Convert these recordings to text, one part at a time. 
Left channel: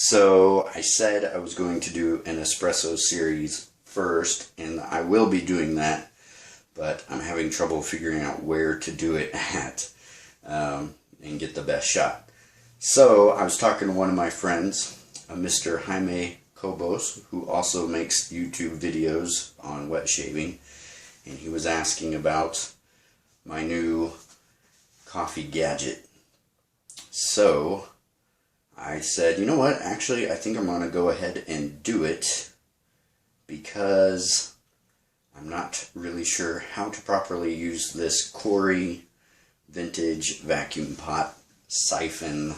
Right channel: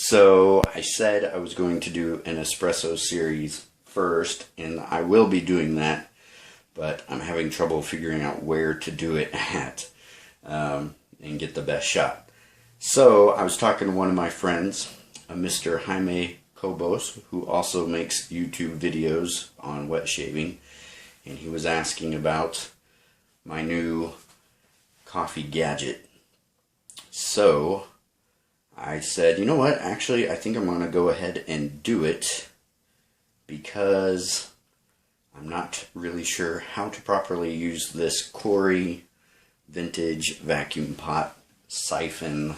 So I said I was going to do an espresso series first, and I will be doing that, but I'm having trouble figuring out where to do it at and get the best shot. So I was talking to one of my friends, Mr. Jaime Cobos, who also makes YouTube videos on wet shaving, and he was asking about my new coffee gadget. So I said, you know what, actually I think I'm going to go ahead and do it because I'm not really sure how to properly use this Cory vintage vacuum pot siphon.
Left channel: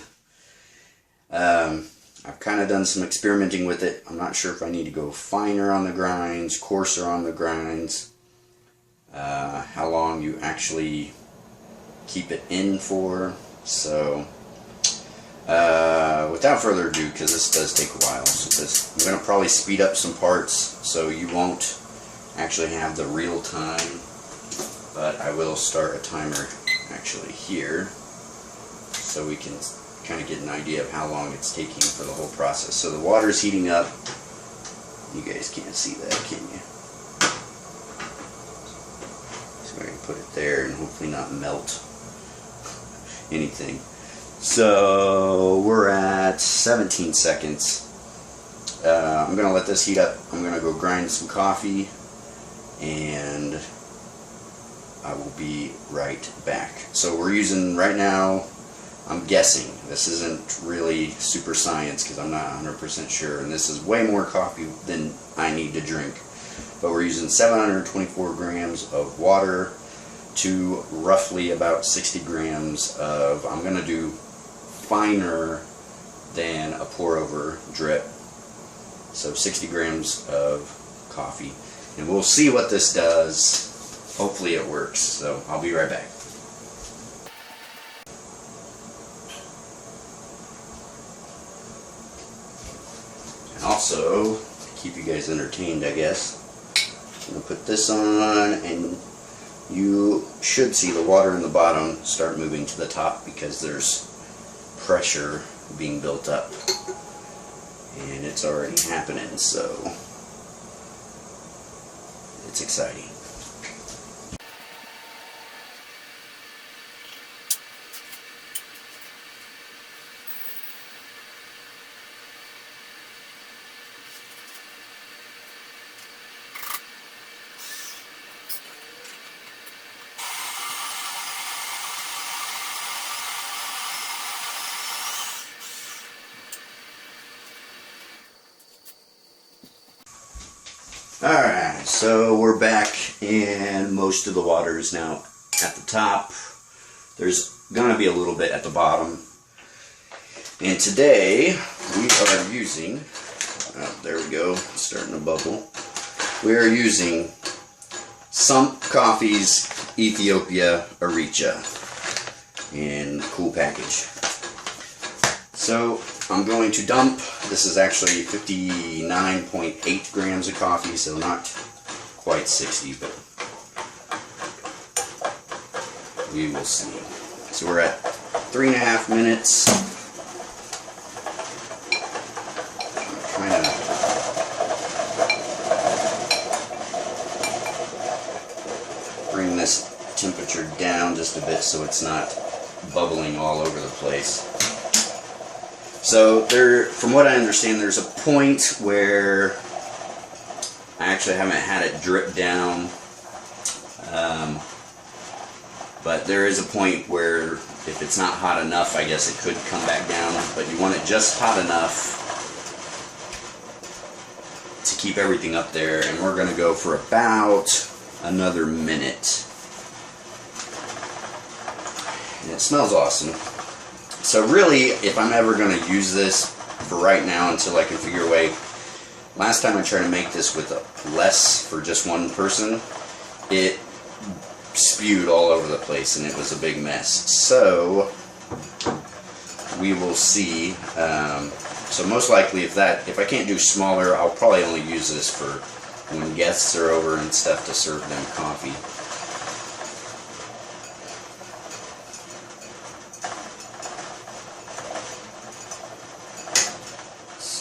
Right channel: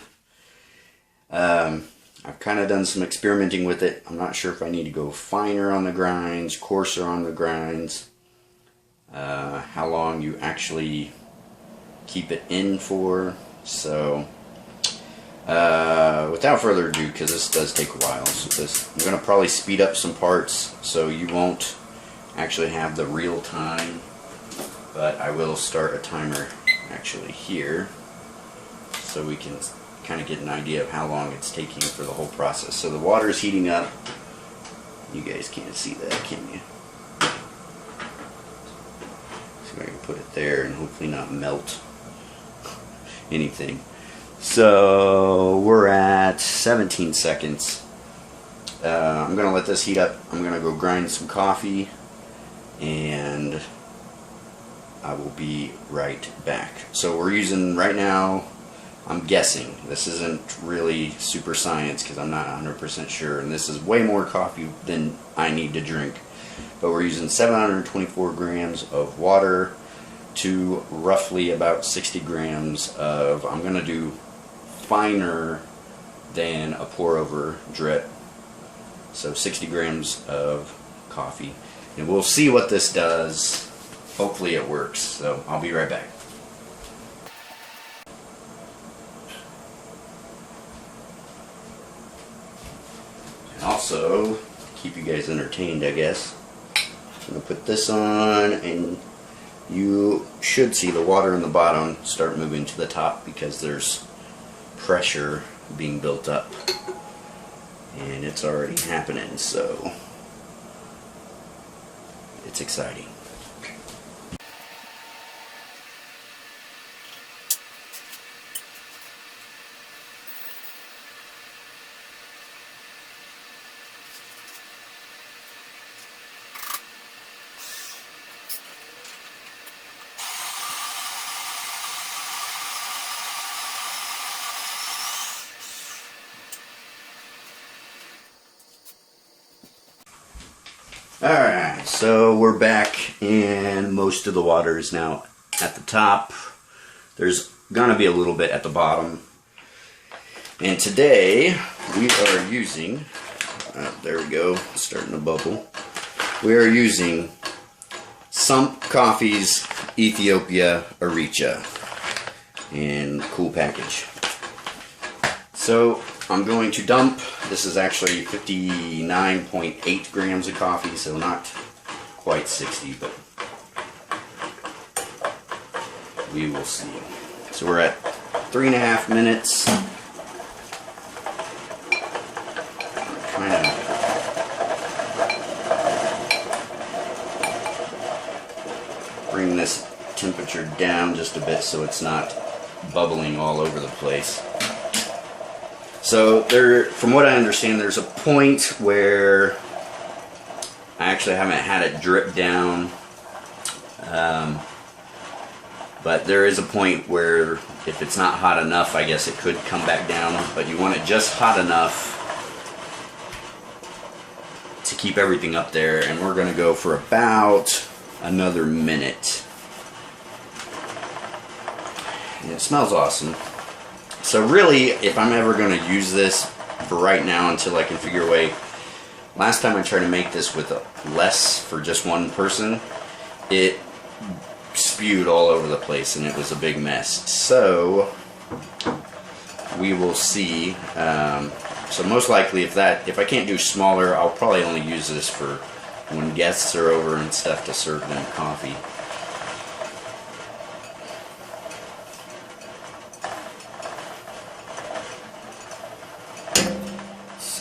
I've kind of done some experimenting with it. I'm not sure if I need to go finer on the grinds, coarser on the grinds, how long you actually keep it in for. So without further ado, because this does take a while, so I'm going to probably speed up some parts so you won't actually have the real time, but I will start a timer actually here so we can kind of get an idea of how long it's taking for the whole process. So the water's heating up. You guys can't see that, can you? See if I can put it there and hopefully not melt anything. So we're at 17 seconds. I'm going to let this heat up. I'm going to go grind some coffee and I will be right back. So we're using right now, I'm guessing, this isn't really super science because I'm not 100% sure, and this is way more coffee than I need to drink, but we're using 724 grams of water to roughly about 60 grams of, I'm going to do finer than a pour over drip, so 60 grams of coffee, and we'll see what this does. Hopefully it works, so I'll be right back. And also, to keep you guys entertained, I guess, I'm going to put this on, and you should see the water in the bottom start moving to the top because there's pressure being built up, and it's already happening, so it's exciting. Alright, so we're back and most of the water is now at the top. There's gonna be a little bit at the bottom. And today we are using, there we go, starting to bubble. We are using Sump Coffee's Ethiopia Aricha in cool package. So I'm going to dump, this is actually 59.8 grams of coffee, so not quite 60, but we will see. So we're at 3.5 minutes. I'm trying to bring this temperature down just a bit so it's not bubbling all over the place. So there, from what I understand, there's a point where I actually haven't had it drip down, but there is a point where if it's not hot enough, I guess it could come back down, but you want it just hot enough to keep everything up there, and we're going to go for about another minute. And it smells awesome. So really, if I'm ever going to use this for right now until I can figure a way, last time I tried to make this with less for just one person, it spewed all over the place and it was a big mess. So we will see. So most likely if I can't do smaller, I'll probably only use this for when guests are over and stuff to serve them coffee.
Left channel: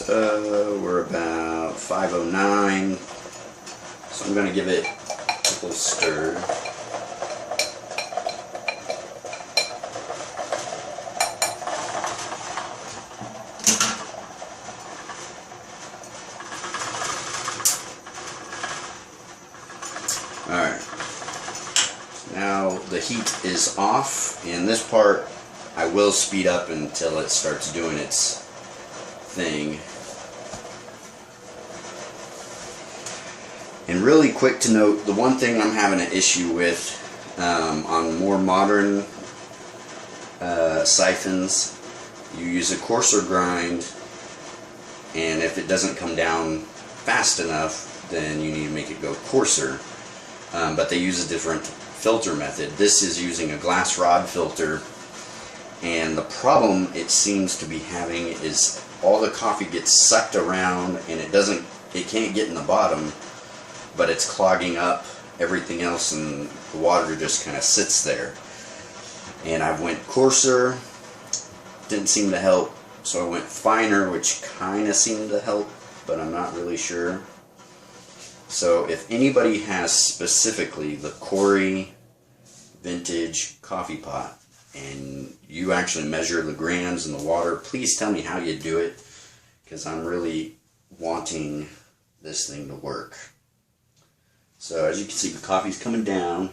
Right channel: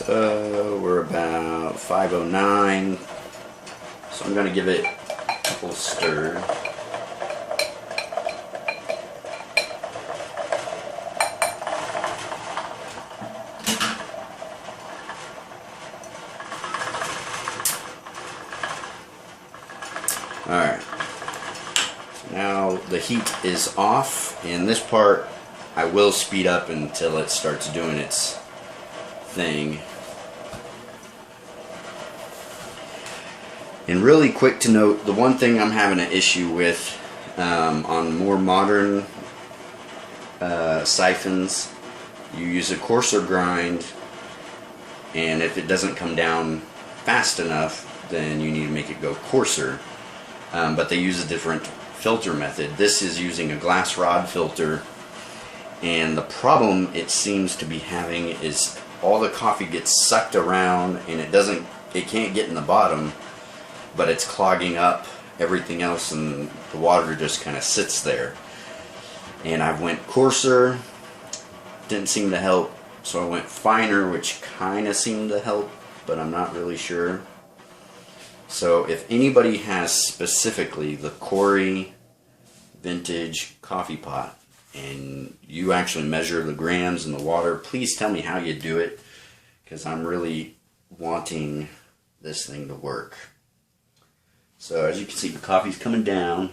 So we're about 5:09. So I'm going to give it a little stir. Alright. So now the heat is off, and this part I will speed up until it starts doing its thing. And really quick to note, the one thing I'm having an issue with on more modern siphons, you use a coarser grind, and if it doesn't come down fast enough, then you need to make it go coarser. But they use a different filter method. This is using a glass rod filter, and the problem it seems to be having is all the coffee gets sucked around, and it can't get in the bottom, but it's clogging up everything else, and the water just kind of sits there. And I went coarser, didn't seem to help, so I went finer, which kind of seemed to help, but I'm not really sure. So if anybody has specifically the Cory vintage coffee pot, and you actually measure the grams in the water, please tell me how you do it, because I'm really wanting this thing to work. So as you can see, the coffee's coming down.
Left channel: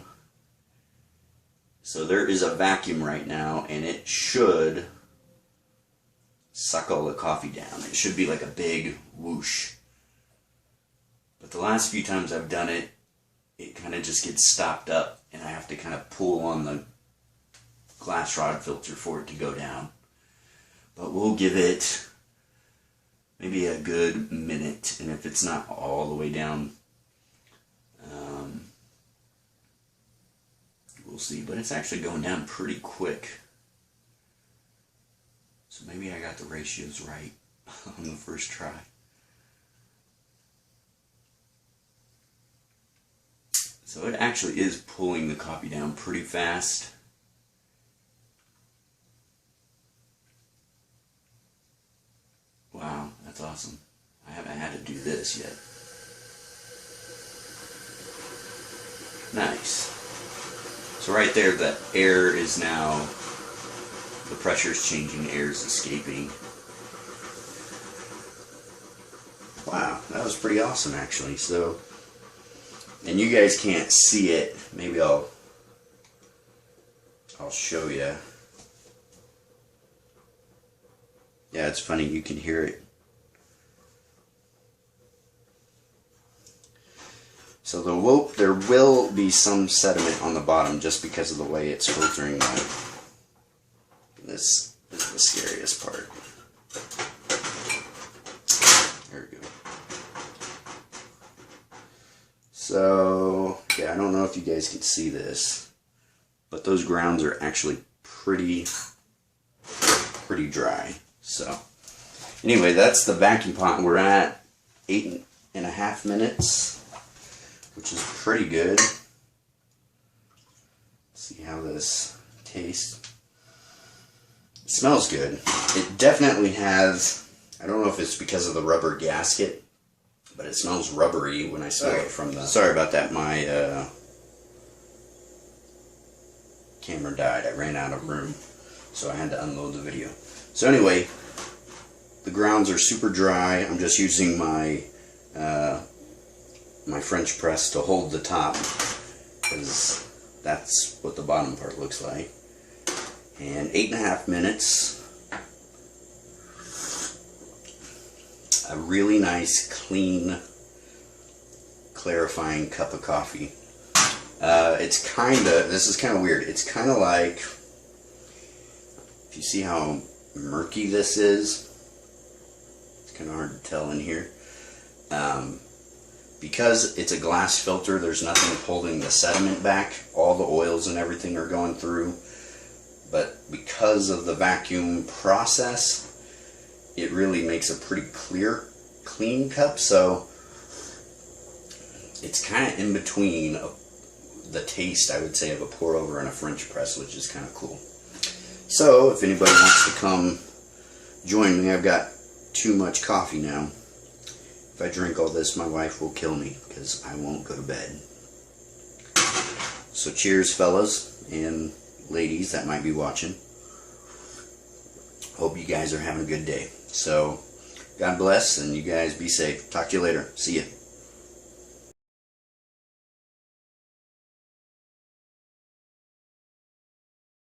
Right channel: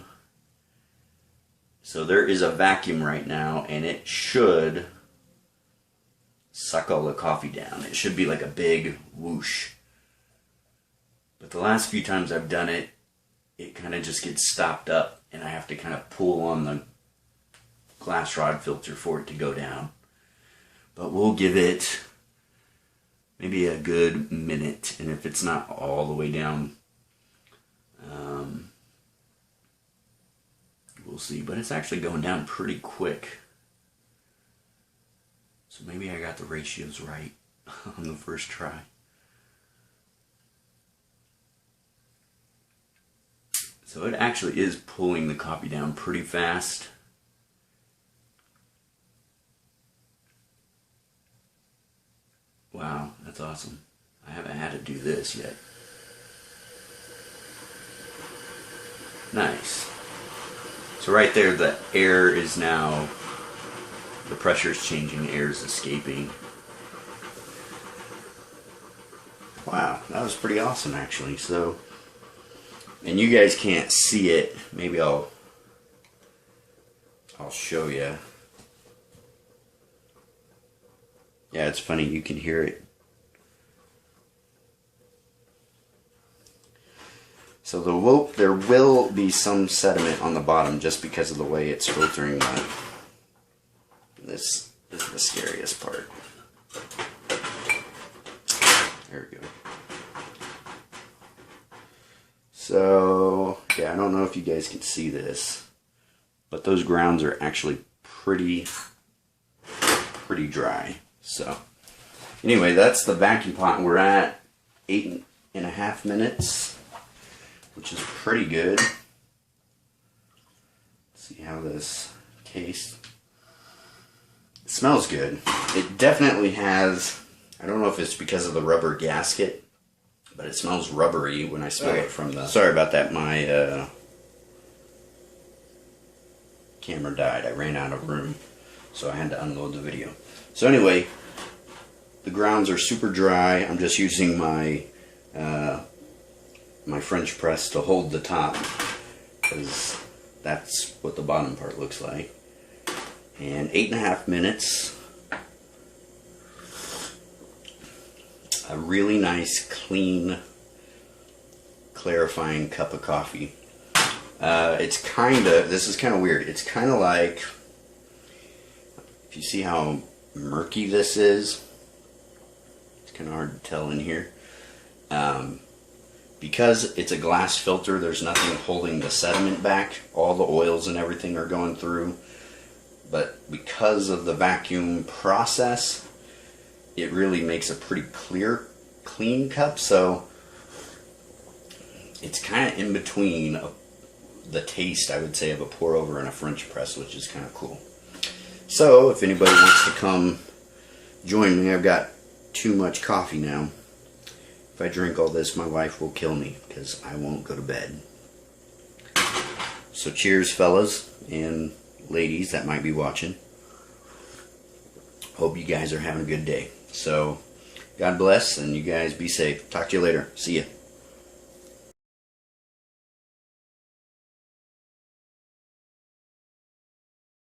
So there is a vacuum right now, and it should suck all the coffee down. It should be like a big whoosh. But the last few times I've done it, it kind of just gets stopped up, and I have to kind of pull on the glass rod filter for it to go down. But we'll give it maybe a good minute, and if it's not all the way down, we'll see. But it's actually going down pretty quick, so maybe I got the ratios right on the first try. So it actually is pulling the coffee down pretty fast. Wow, that's awesome. I haven't had to do this yet. Nice. So right there, the air is now, the pressure is changing, air is escaping. Wow, that was pretty awesome actually. So, and you guys can't see it. Maybe I'll show you. Yeah, it's funny, you can hear it. So there will be some sediment on the bottom just because of the way it's filtering out. This is the scariest part. There we go. So, yeah, I don't know if you guys can see this, but those grounds are actually pretty dry. So, anyway, that's the vacuum pot. We're at 8.5 minutes, which is pretty good. Let's see how this tastes. It smells good. It definitely has, I don't know if it's because of the rubber gasket, but it smells rubbery when I smell it from the... Sorry about that, my camera died. I ran out of room, so I had to unload the video. So anyway, the grounds are super dry. I'm just using my my French press to hold the top, because that's what the bottom part looks like. And 8.5 minutes. A really nice, clean, clarifying cup of coffee. It's kind of, this is kind of weird. It's kind of like, if you see how murky this is, it's kind of hard to tell in here. Because it's a glass filter, there's nothing holding the sediment back. All the oils and everything are going through. But because of the vacuum process, it really makes a pretty clear, clean cup. So it's kind of in between the taste, I would say, of a pour over and a French press, which is kind of cool. So if anybody wants to come join me, I've got too much coffee now. If I drink all this, my wife will kill me because I won't go to bed. So cheers, fellas and ladies that might be watching. Hope you guys are having a good day. So God bless, and you guys be safe. Talk to you later. See ya.